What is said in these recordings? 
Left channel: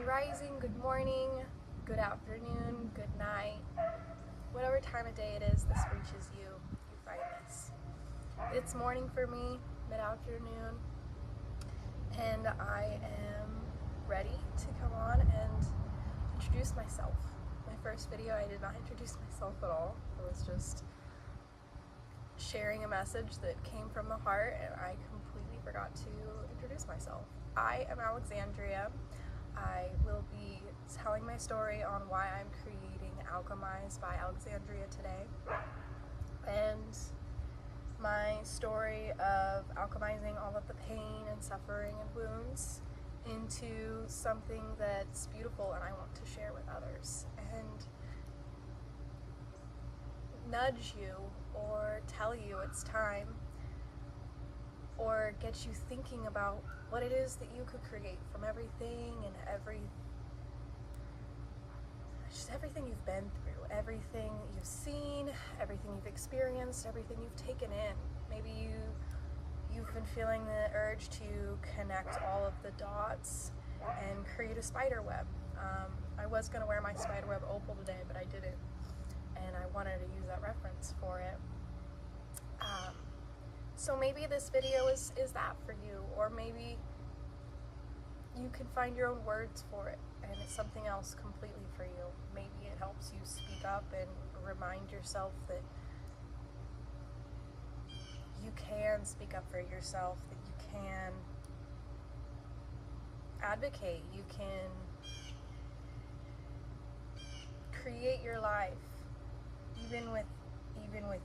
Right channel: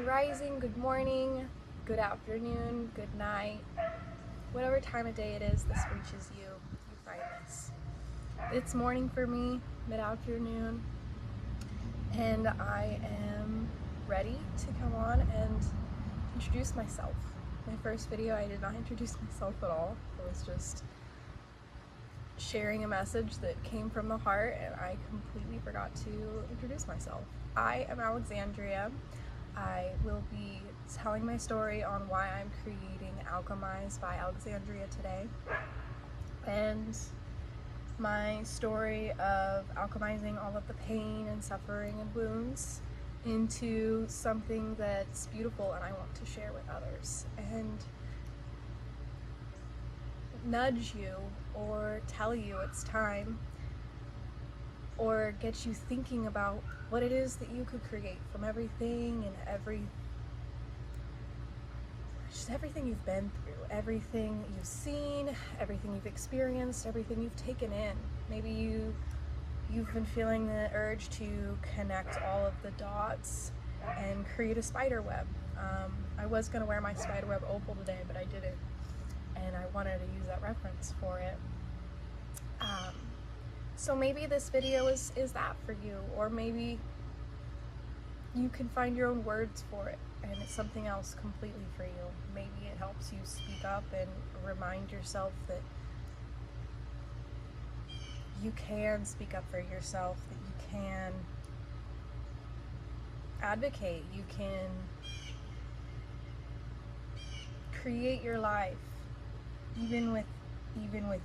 Grand Rising, good morning, good afternoon, good night, whatever time of day it is this reaches you, you find this. It's morning for me, mid-afternoon, and I am ready to come on and introduce myself. My first video, I did not introduce myself at all. It was just sharing a message that came from the heart, and I completely forgot to introduce myself. I am Alexandria. I will be telling my story on why I'm creating Alchemize by Alexandria today, and my story of alchemizing all of the pain and suffering and wounds into something that's beautiful and I want to share with others and nudge you or tell you it's time, or get you thinking about what it is that you could create from everything and everything you've been through, everything you've seen, everything you've experienced, everything you've taken in. Maybe you've been feeling the urge to connect all of the dots and create a spider web. I was going to wear my spider web opal today, but I didn't, and I wanted to use that reference for it. So maybe this video is that for you, or maybe you can find your own words for it and it's something else completely for you. Maybe it helps you speak up and remind yourself that you can speak up for yourself, that you can advocate, you can create your life even with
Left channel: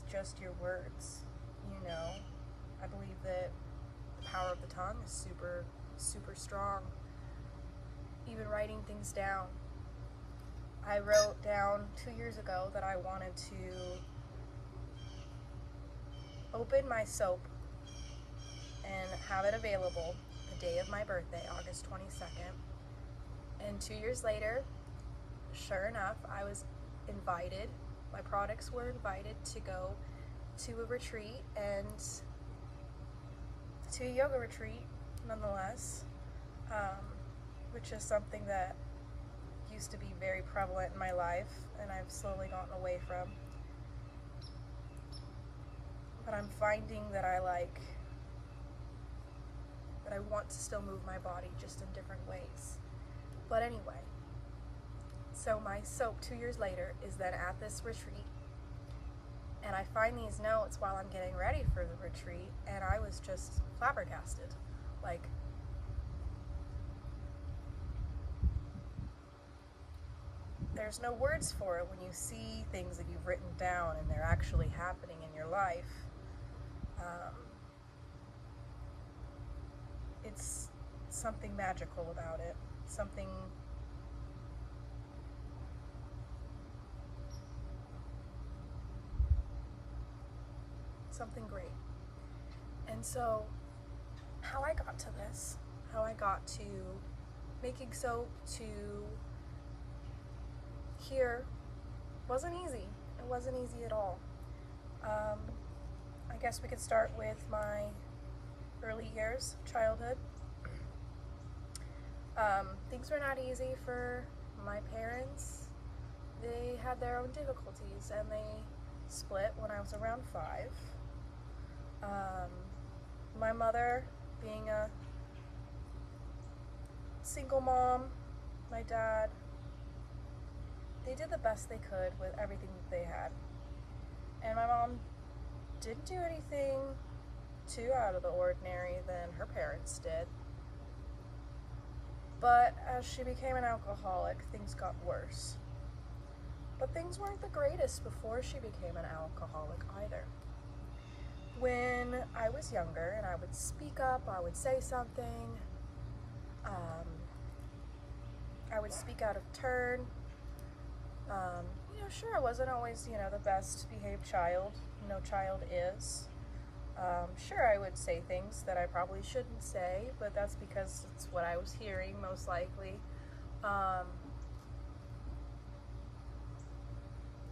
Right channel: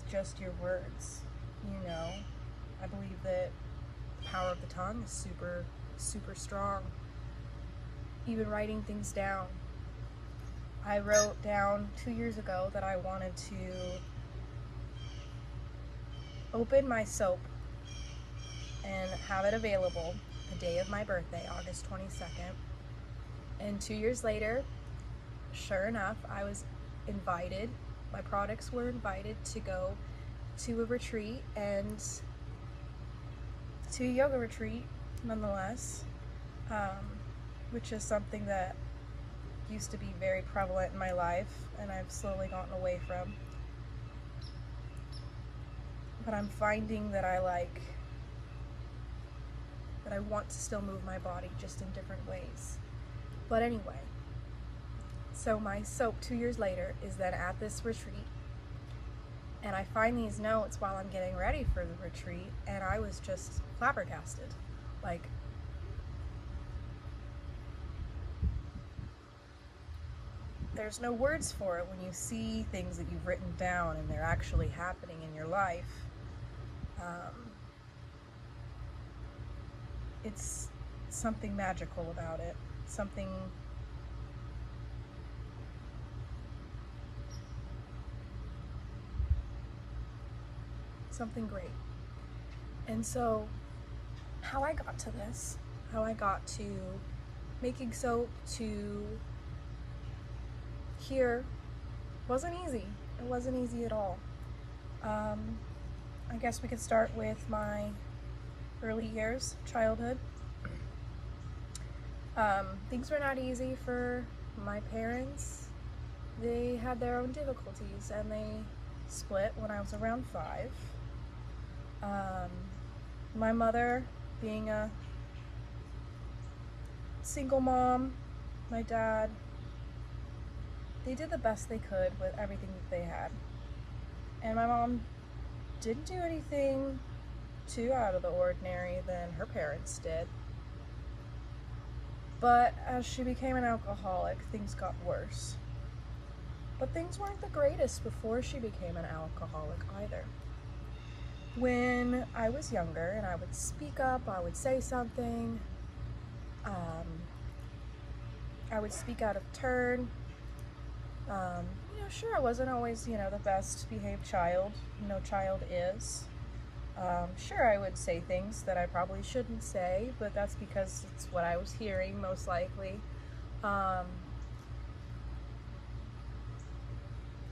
just your words. You know, I believe that the power of the tongue is super strong. Even writing things down. I wrote down 2 years ago that I wanted to open my soap and have it available the day of my birthday, August 22nd. And 2 years later, sure enough, I was invited, my products were invited to go to a retreat, and to a yoga retreat nonetheless, which is something that used to be very prevalent in my life and I've slowly gotten away from. But I'm finding that I want to still move my body, just in different ways. But anyway, so my soap 2 years later is then at this retreat, and I find these notes while I'm getting ready for the retreat, and I was just flabbergasted. Like, there's no words for it when you see things that you've written down and they're actually happening in your life. It's something magical about it, something great. And so how I got to this, how I got to making soap, to here, wasn't easy. It wasn't easy at all. I guess we could start with my early years, childhood. Things were not easy for my parents. They had their own difficulties, and they split when I was around 5. My mother, being a single mom, my dad, they did the best they could with everything that they had. And my mom didn't do anything too out of the ordinary than her parents did. But as she became an alcoholic, things got worse. But things weren't the greatest before she became an alcoholic either. When I was younger and I would speak up, I would say something, I would speak out of turn. Sure, I wasn't always, the best behaved child. No child is. Sure, I would say things that I probably shouldn't say, but that's because it's what I was hearing, most likely.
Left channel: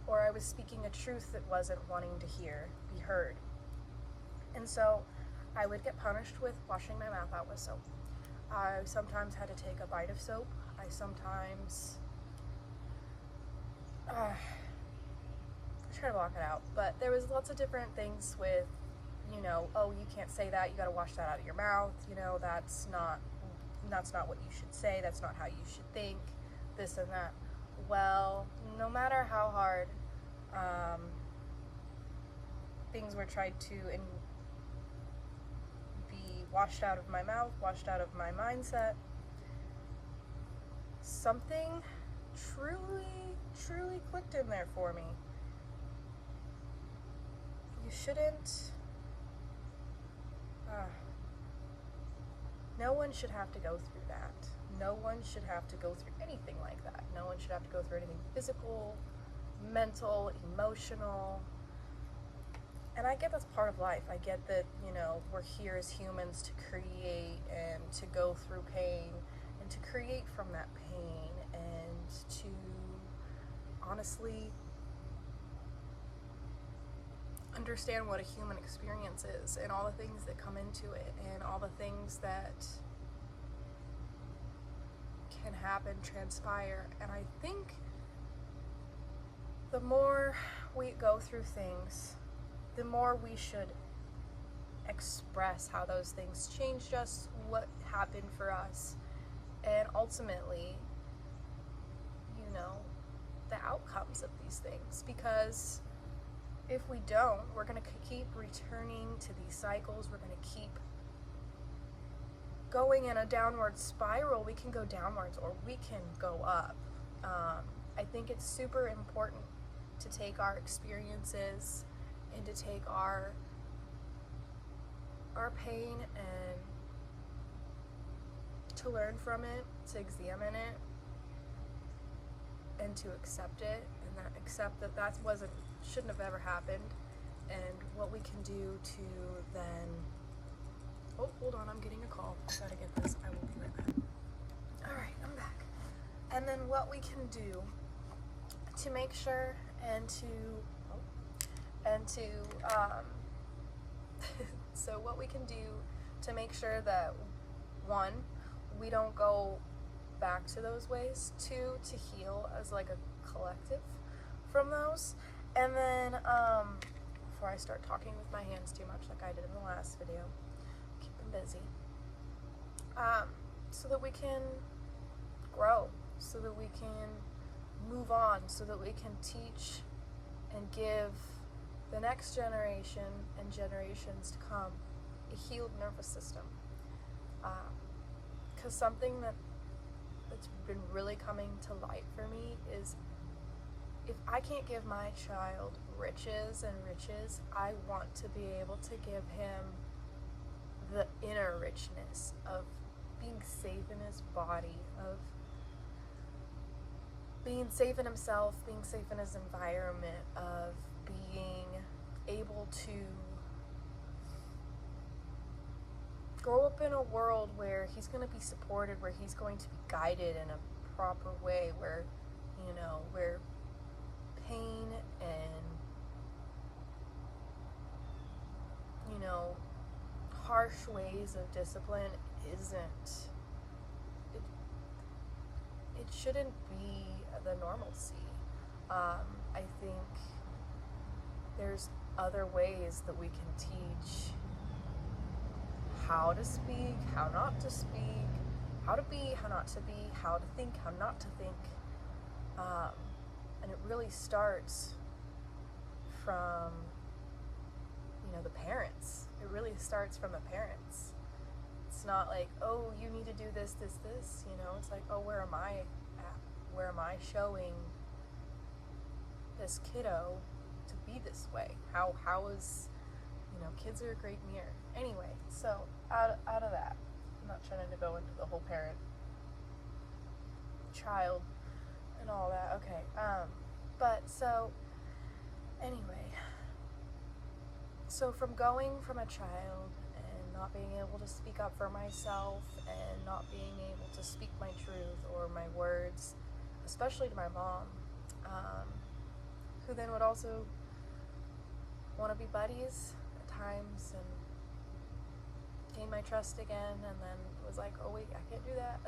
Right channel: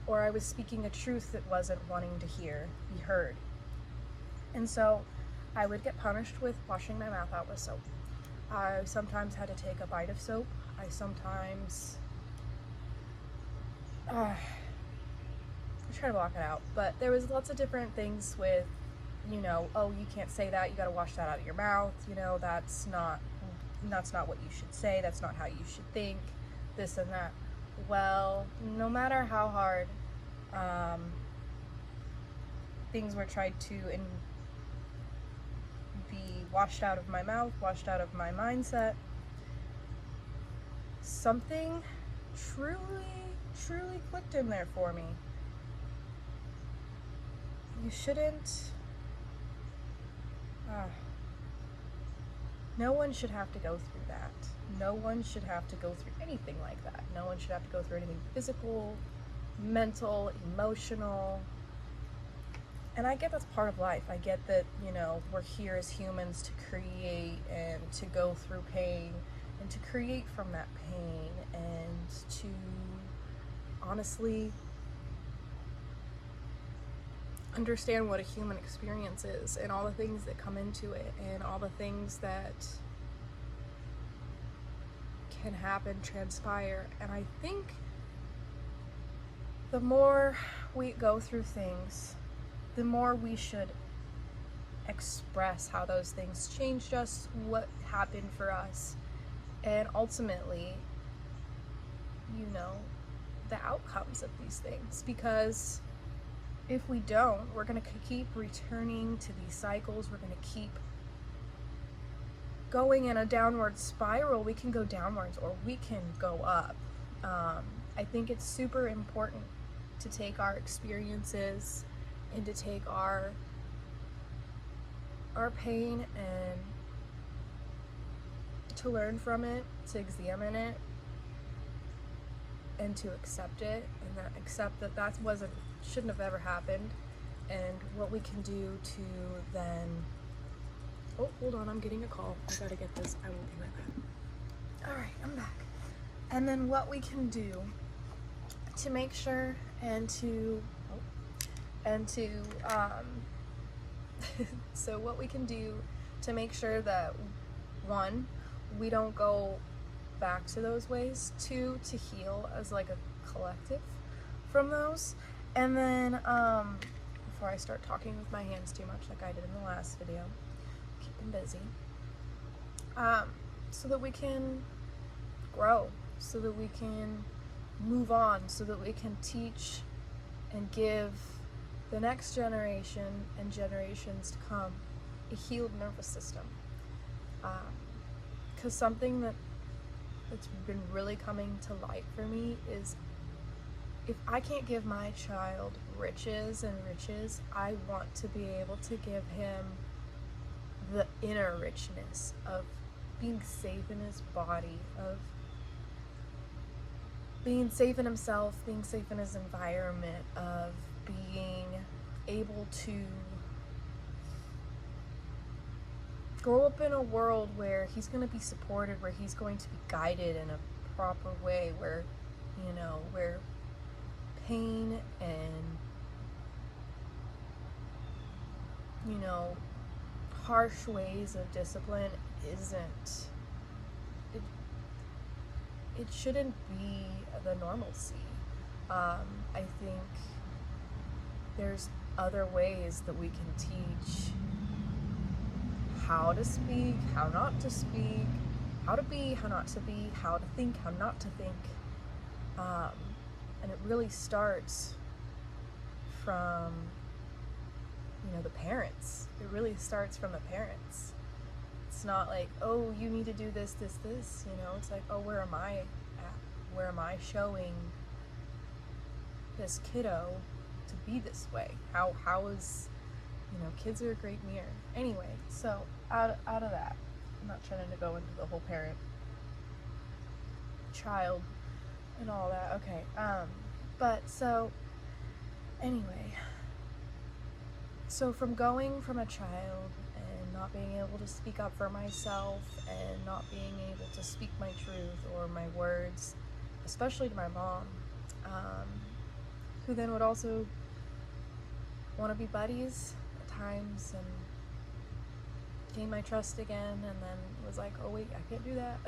Or I was speaking a truth that wasn't wanting to be heard. And so I would get punished with washing my mouth out with soap. I sometimes had to take a bite of soap. I sometimes I try to block it out, but there was lots of different things with, you know, oh, you can't say that, you got to wash that out of your mouth, you know, that's not what you should say, that's not how you should think, this and that. Well, no matter how hard things were tried to be washed out of my mouth, washed out of my mindset, something truly clicked in there for me. You shouldn't, no one should have to go through that. No one should have to go through anything like that. No one should have to go through anything physical, mental, emotional. And I get that's part of life. I get that, you know, we're here as humans to create and to go through pain and to create from that pain and to honestly understand what a human experience is and all the things that come into it and all the things that can happen, transpire. And I think the more we go through things, the more we should express how those things changed us, what happened for us, and ultimately, you know, the outcomes of these things. Because if we don't, we're going to keep returning to these cycles. We're going to keep going in a downward spiral. We can go downwards or we can go up. I think it's super important to take our experiences and to take our pain and to learn from it, to examine it, and to accept it, and that accept that that shouldn't have ever happened, and what we can do to then, oh, hold on, I'm getting a call. I gotta get this. I will be right back. All right, I'm back. And then what we can do to make sure so what we can do to make sure that, one, we don't go back to those ways, two, to heal as like a collective from those, and then before I start talking with my hands too much like I did in the last video, keep them busy, so that we can grow, so that we can move on, so that we can teach and give the next generation and generations to come a healed nervous system. Because something that's been really coming to light for me is, if I can't give my child riches, I want to be able to give him the inner richness of being safe in his body, of being safe in himself, being safe in his environment, of being able to grow up in a world where he's going to be supported, where he's going to be guided in a proper way, where, you know, where pain and, you know, harsh ways of discipline it shouldn't be the normalcy. I think there's other ways that we can teach how to speak, how not to speak, how to be, how not to be, how to think, how not to think. And it really starts from, you know, the parents. It really starts from the parents. It's not like, oh, you need to do this, you know, it's like, oh, where am I at? Where am I showing this kiddo to be this way? How is, you know, kids are a great mirror. Anyway, so out of that, I'm not trying to go into the whole parent child and all that. Okay, but so anyway, so from going from a child and not being able to speak up for myself and not being able to speak my truth or my words, especially to my mom, who then would also want to be buddies at times, and gained my trust again, and then was like, oh wait, I can't do that.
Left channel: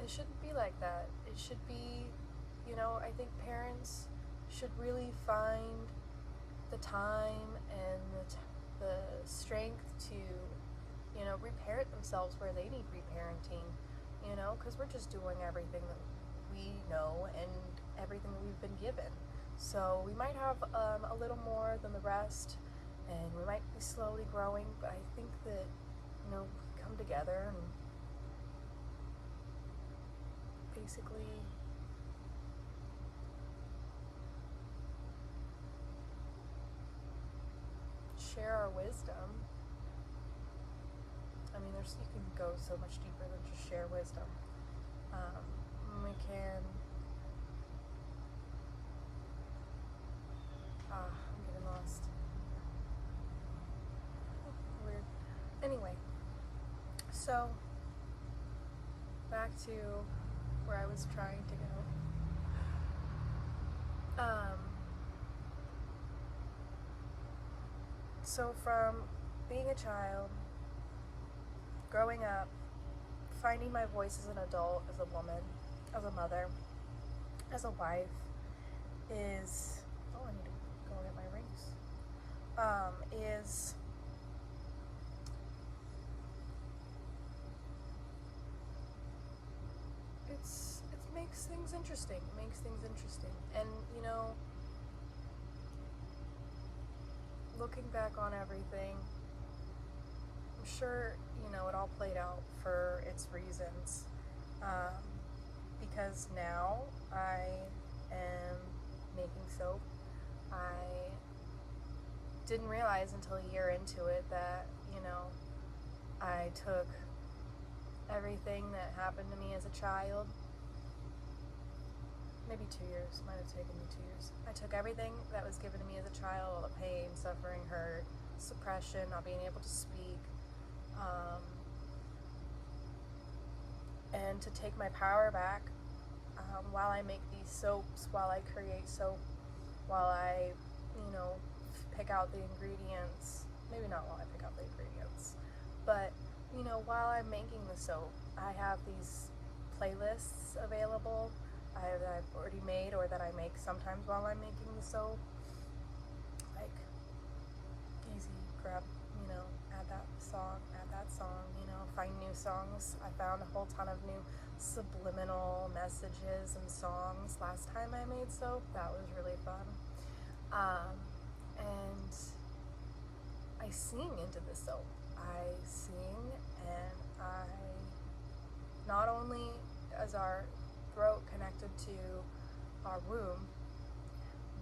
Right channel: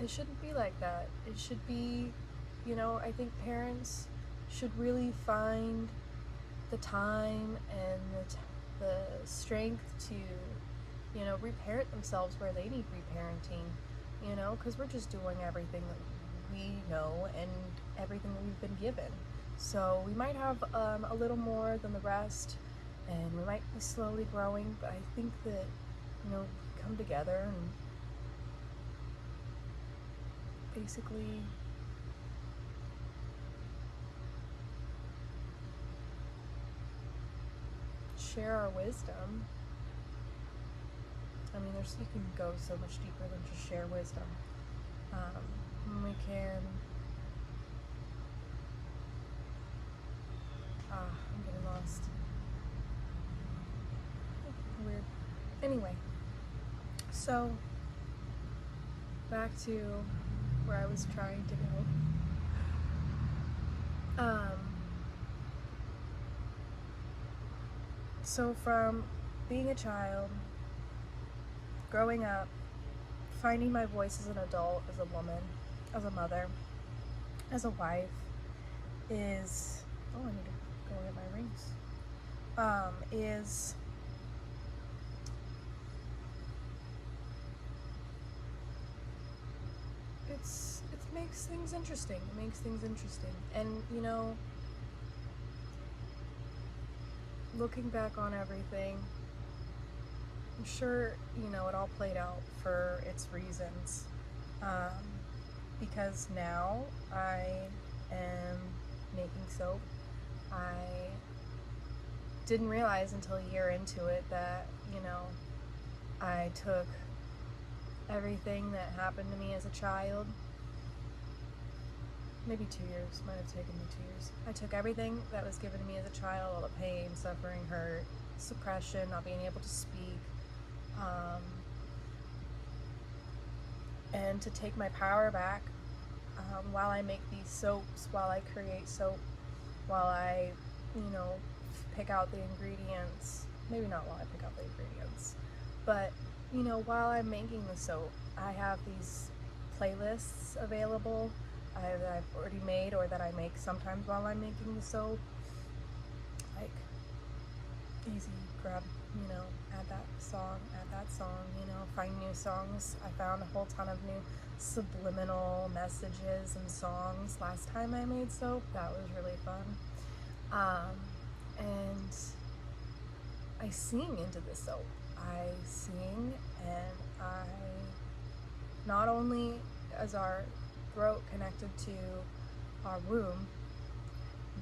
It shouldn't be like that. It should be, I think parents should really find the time and the strength to, reparent themselves where they need reparenting, because we're just doing everything that we know and everything that we've been given. So we might have a little more than the rest, and we might be slowly growing, but I think that, we come together and basically share our wisdom. I mean, you can go so much deeper than just share wisdom. We can, I'm getting lost. Weird. Anyway, so back to where I was trying to go. So from being a child, growing up, finding my voice as an adult, as a woman, as a mother, as a wife, is, I need to go get my rings, it makes things interesting. It makes things interesting. And, looking back on everything, I'm sure, it all played out for its reasons. Because now I am making soap. I didn't realize until a year into it that, I took everything that happened to me as a child, maybe 2 years, might have taken me 2 years. I took everything that was given to me as a child, all the pain, suffering, hurt, suppression, not being able to speak, and to take my power back while I make these soaps, while I create soap, while I, pick out the ingredients, maybe not while I pick out the ingredients, but, while I'm making the soap, I have these playlists available that I've already made or that I make sometimes while I'm making the soap, like easy, grab, add that song, find new songs. I found a whole ton of new subliminal messages and songs last time I made soap. That was really fun. And I sing into the soap. I sing, and I, not only is our throat connected to our womb,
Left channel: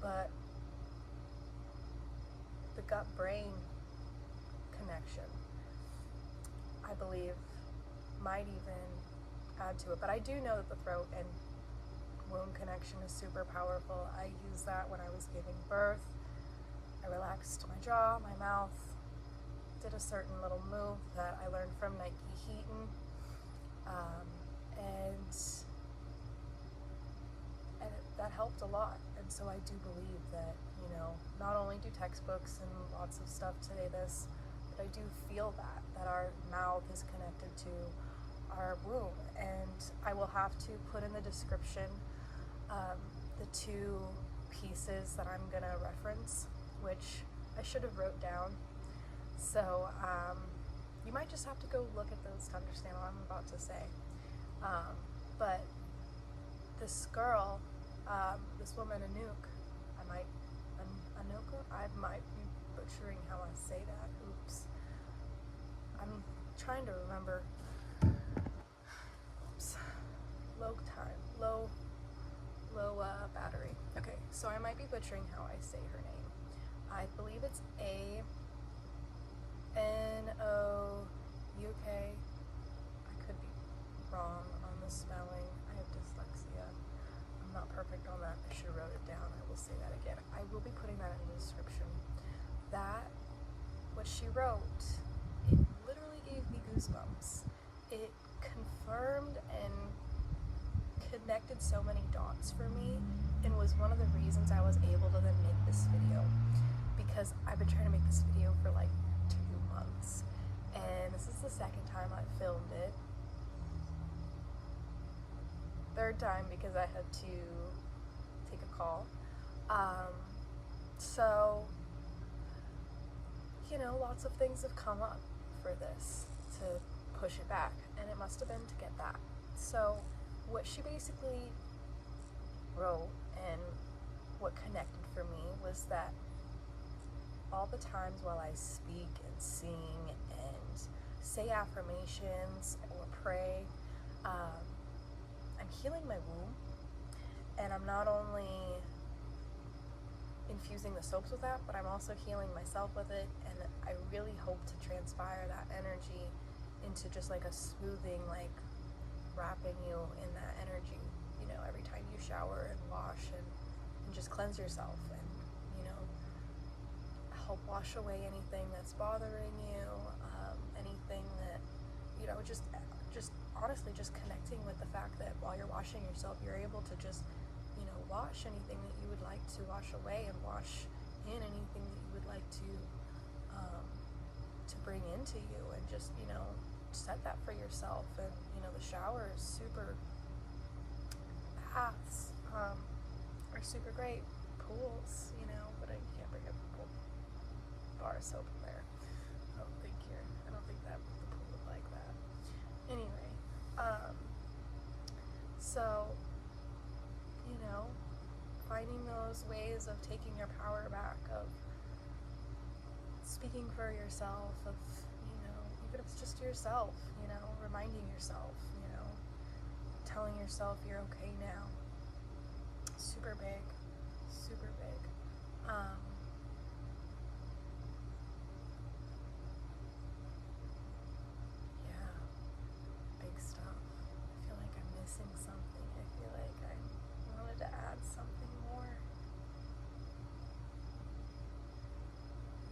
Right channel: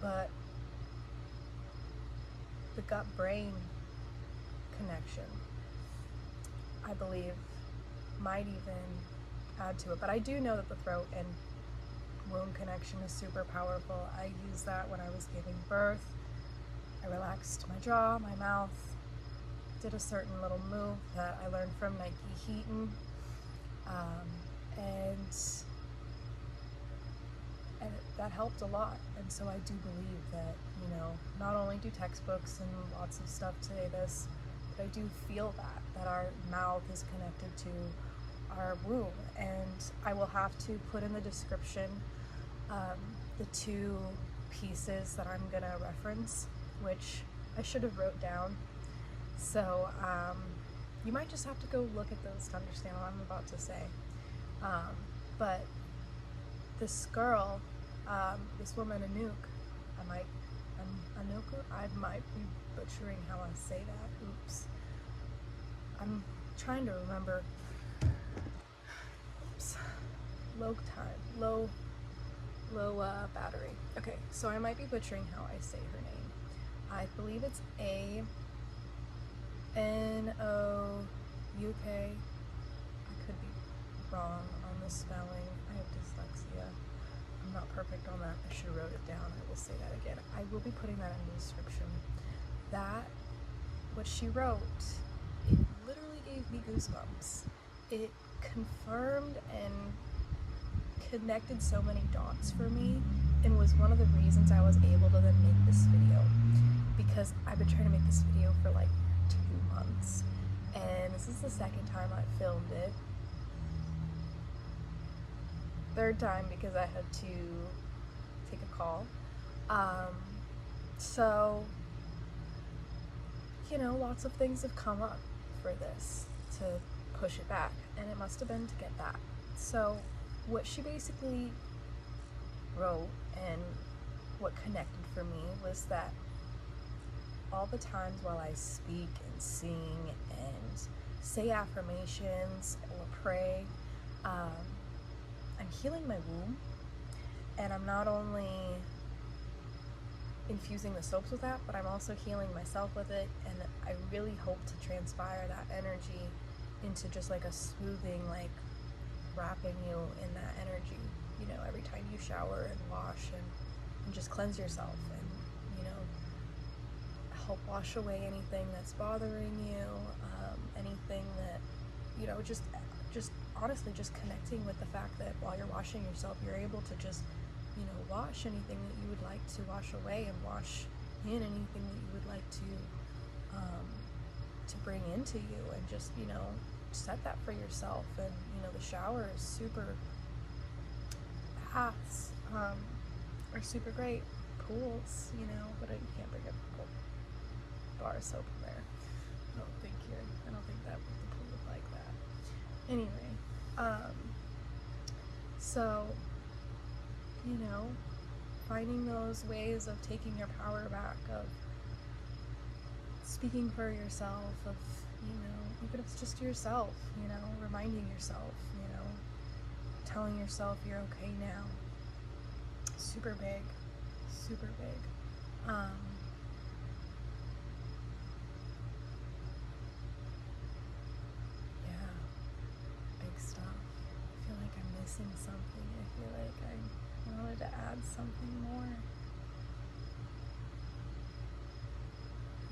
but the gut-brain connection, I believe, might even add to it. But I do know that the throat and womb connection is super powerful. I used that when I was giving birth. I relaxed my jaw, my mouth, did a certain little move that I learned from Nike Heaton, and that helped a lot. And so I do believe that, not only do textbooks and lots of stuff say this, but I do feel that our mouth is connected to our womb. And I will have to put in the description the 2 pieces that I'm gonna reference, which I should have wrote down. So you might just have to go look at those to understand what I'm about to say. But this girl, this woman, Anouk, I might be butchering how I say that. Oops. I'm trying to remember. Oops. Low battery. Okay, so I might be butchering how I say her name. I believe it's A-N-O-U-K. I could be wrong on the spelling. I have dyslexia. I'm not perfect on that. I should have wrote it down. I will say that again. I will be putting that in the description. What she wrote, it literally gave me goosebumps. It confirmed and connected so many dots for me, and was one of the reasons I was able to then make this video. because I've been trying to make this video for like 2 months, and this is the second time I filmed it. Third time because I had to take a call. So, you know, lots of things have come up for this to push it back, and it must have been to get that. So what she basically wrote and what connected for me was that all the times while I speak and sing and say affirmations or pray, I'm healing my womb, and I'm not only infusing the soaps with that, but I'm also healing myself with it, and I really hope to transpire that energy into just like a smoothing, like wrapping you in that energy, you know, every time you shower and wash and just cleanse yourself, and, you know, help wash away anything that's bothering you, anything that, you know, just honestly just connecting with the fact that while you're washing yourself, you're able to just, you know, wash anything that you would like to wash away, and wash in anything that you would like to bring into you, and just, you know, set that for yourself. And, you know, the shower is super, baths are super great, pools, you know, but you can't bring a pool bar of soap in there. I don't think that the pool would like that. Anyway, so, you know, finding those ways of taking your power back, of speaking for yourself, of, you know, even if it's just yourself, you know, reminding yourself, you know, telling yourself you're okay now. Super big, super big. Yeah, big stuff. I feel like I'm missing something. I feel like I wanted to add something more.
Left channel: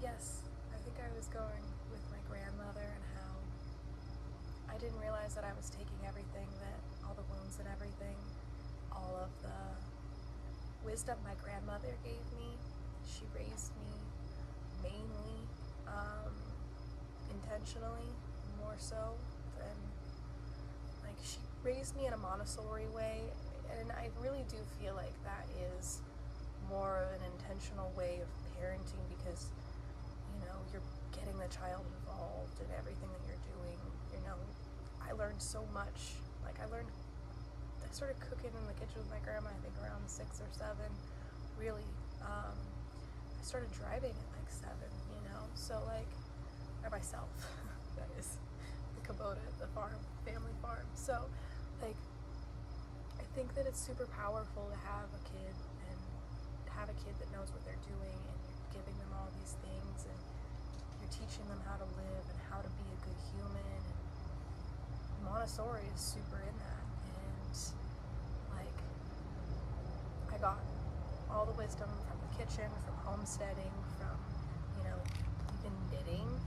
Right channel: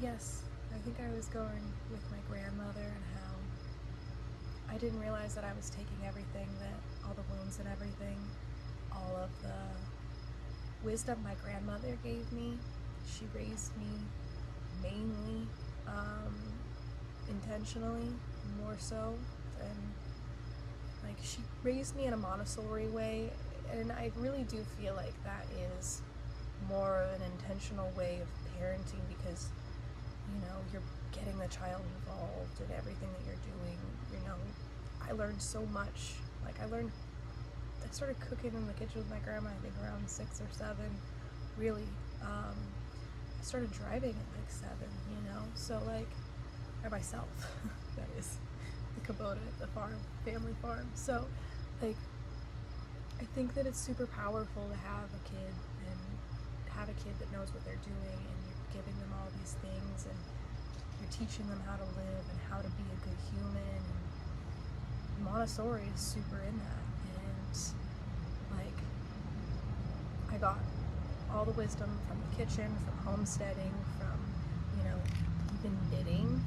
Yes, I think I was going with my grandmother, and how I didn't realize that I was taking everything, that all the wounds and everything, all of the wisdom my grandmother gave me. She raised me mainly, intentionally, more so than, like, she raised me in a Montessori way, and I really do feel like that is more of an intentional way of parenting, because, you know, you're getting the child involved in everything that you're doing. You know, I learned so much. Like, I started cooking in the kitchen with my grandma, I think around 6 or 7, really. I started driving at like 7, you know, so like, by myself, that is, the Kubota, the farm, family farm. So, like, I think that it's super powerful to have a kid, and have a kid that knows what they're doing, and you're giving them all these things, and you're teaching them how to live and how to be a good human, and Montessori is super in that. And, like, I got all the wisdom from the kitchen, from homesteading, from, you know, even knitting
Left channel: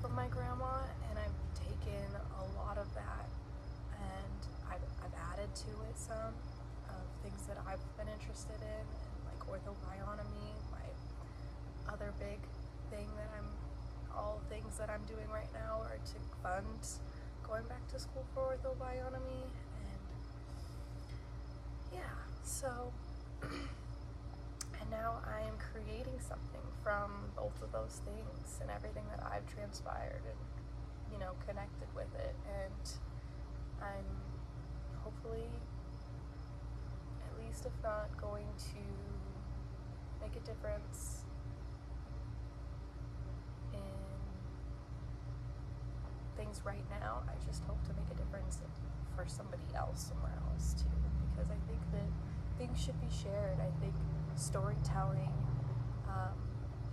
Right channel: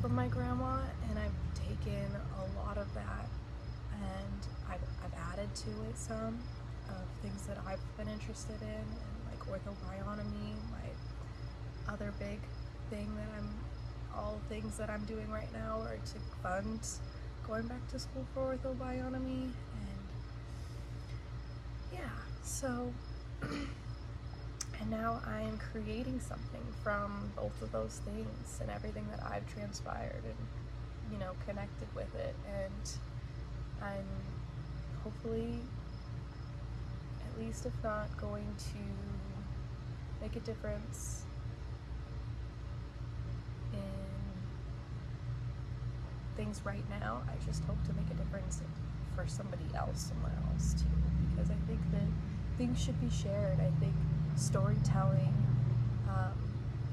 from my grandma, and I've taken a lot of that, and I've added to it some of things that I've been interested in, and like orthobionomy, my other big thing that all things that I'm doing right now are to fund going back to school for orthobionomy. And yeah, so and now I am creating something from both of those things and everything that I've transpired and, you know, connected with it. And I'm hopefully, at least if not, going to make a difference in things right now. I just hope to make a difference for somebody else somewhere else too, because I think that things should be shared. I think storytelling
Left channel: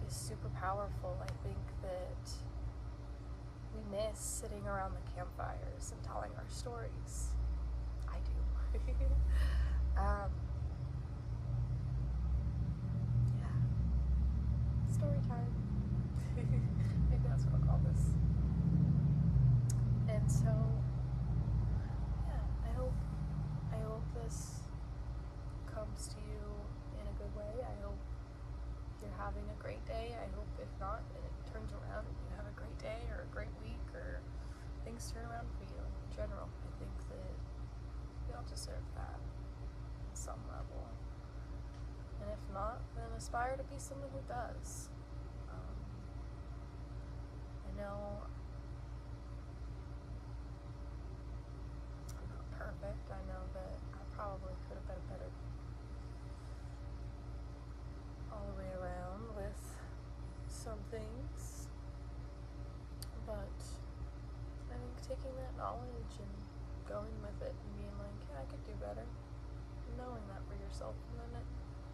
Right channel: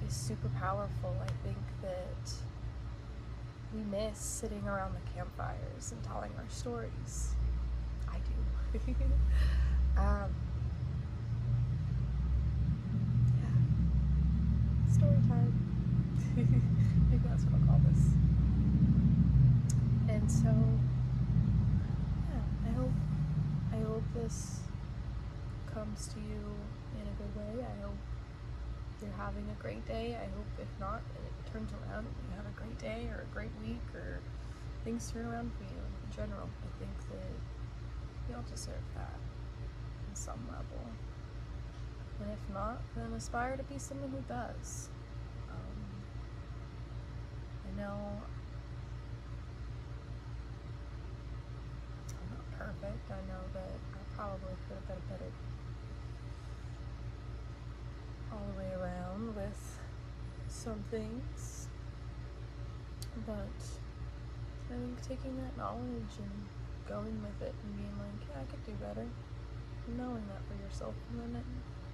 is super powerful. I think that we miss sitting around the campfires and telling our stories. I do. Yeah, story time. Maybe that's what I'll call this. And so, yeah, I hope this comes to you in a good way. I hope you're having a great day. I hope if not, and it turns around and you have a great day or a great week or things turn around for you in general. I think that we all deserve that on some level. And if not, then aspire to be someone who does. I know I'm not perfect. I know that I probably could have been better all the way around with some things. But I think taking that knowledge and going with it and being like, yeah, I could do better. Knowing that for yourself and then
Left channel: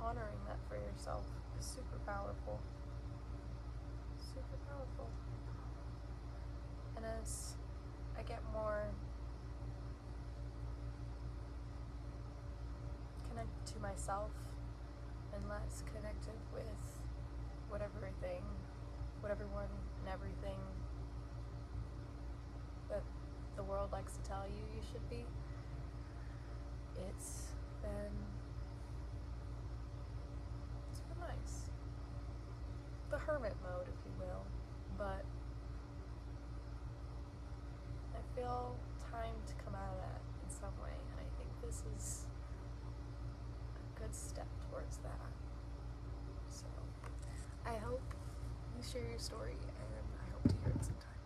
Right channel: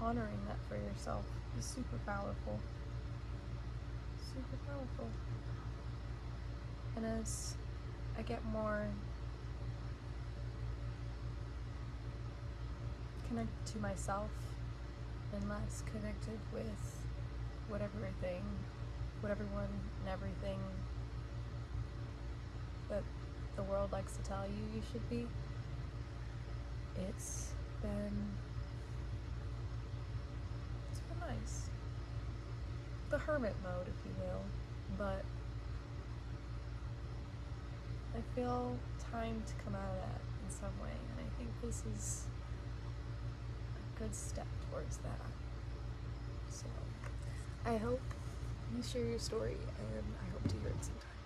honoring that for yourself is super powerful. Super powerful. And as I get more connected to myself and less connected with whatever everyone and everything that the world likes to tell you you should be, it's been nice. The hermit mode, if you will, but I feel time to come out of that in some way, and I think this is a good step towards that. So I hope you share your story, and I hope to hear it sometime.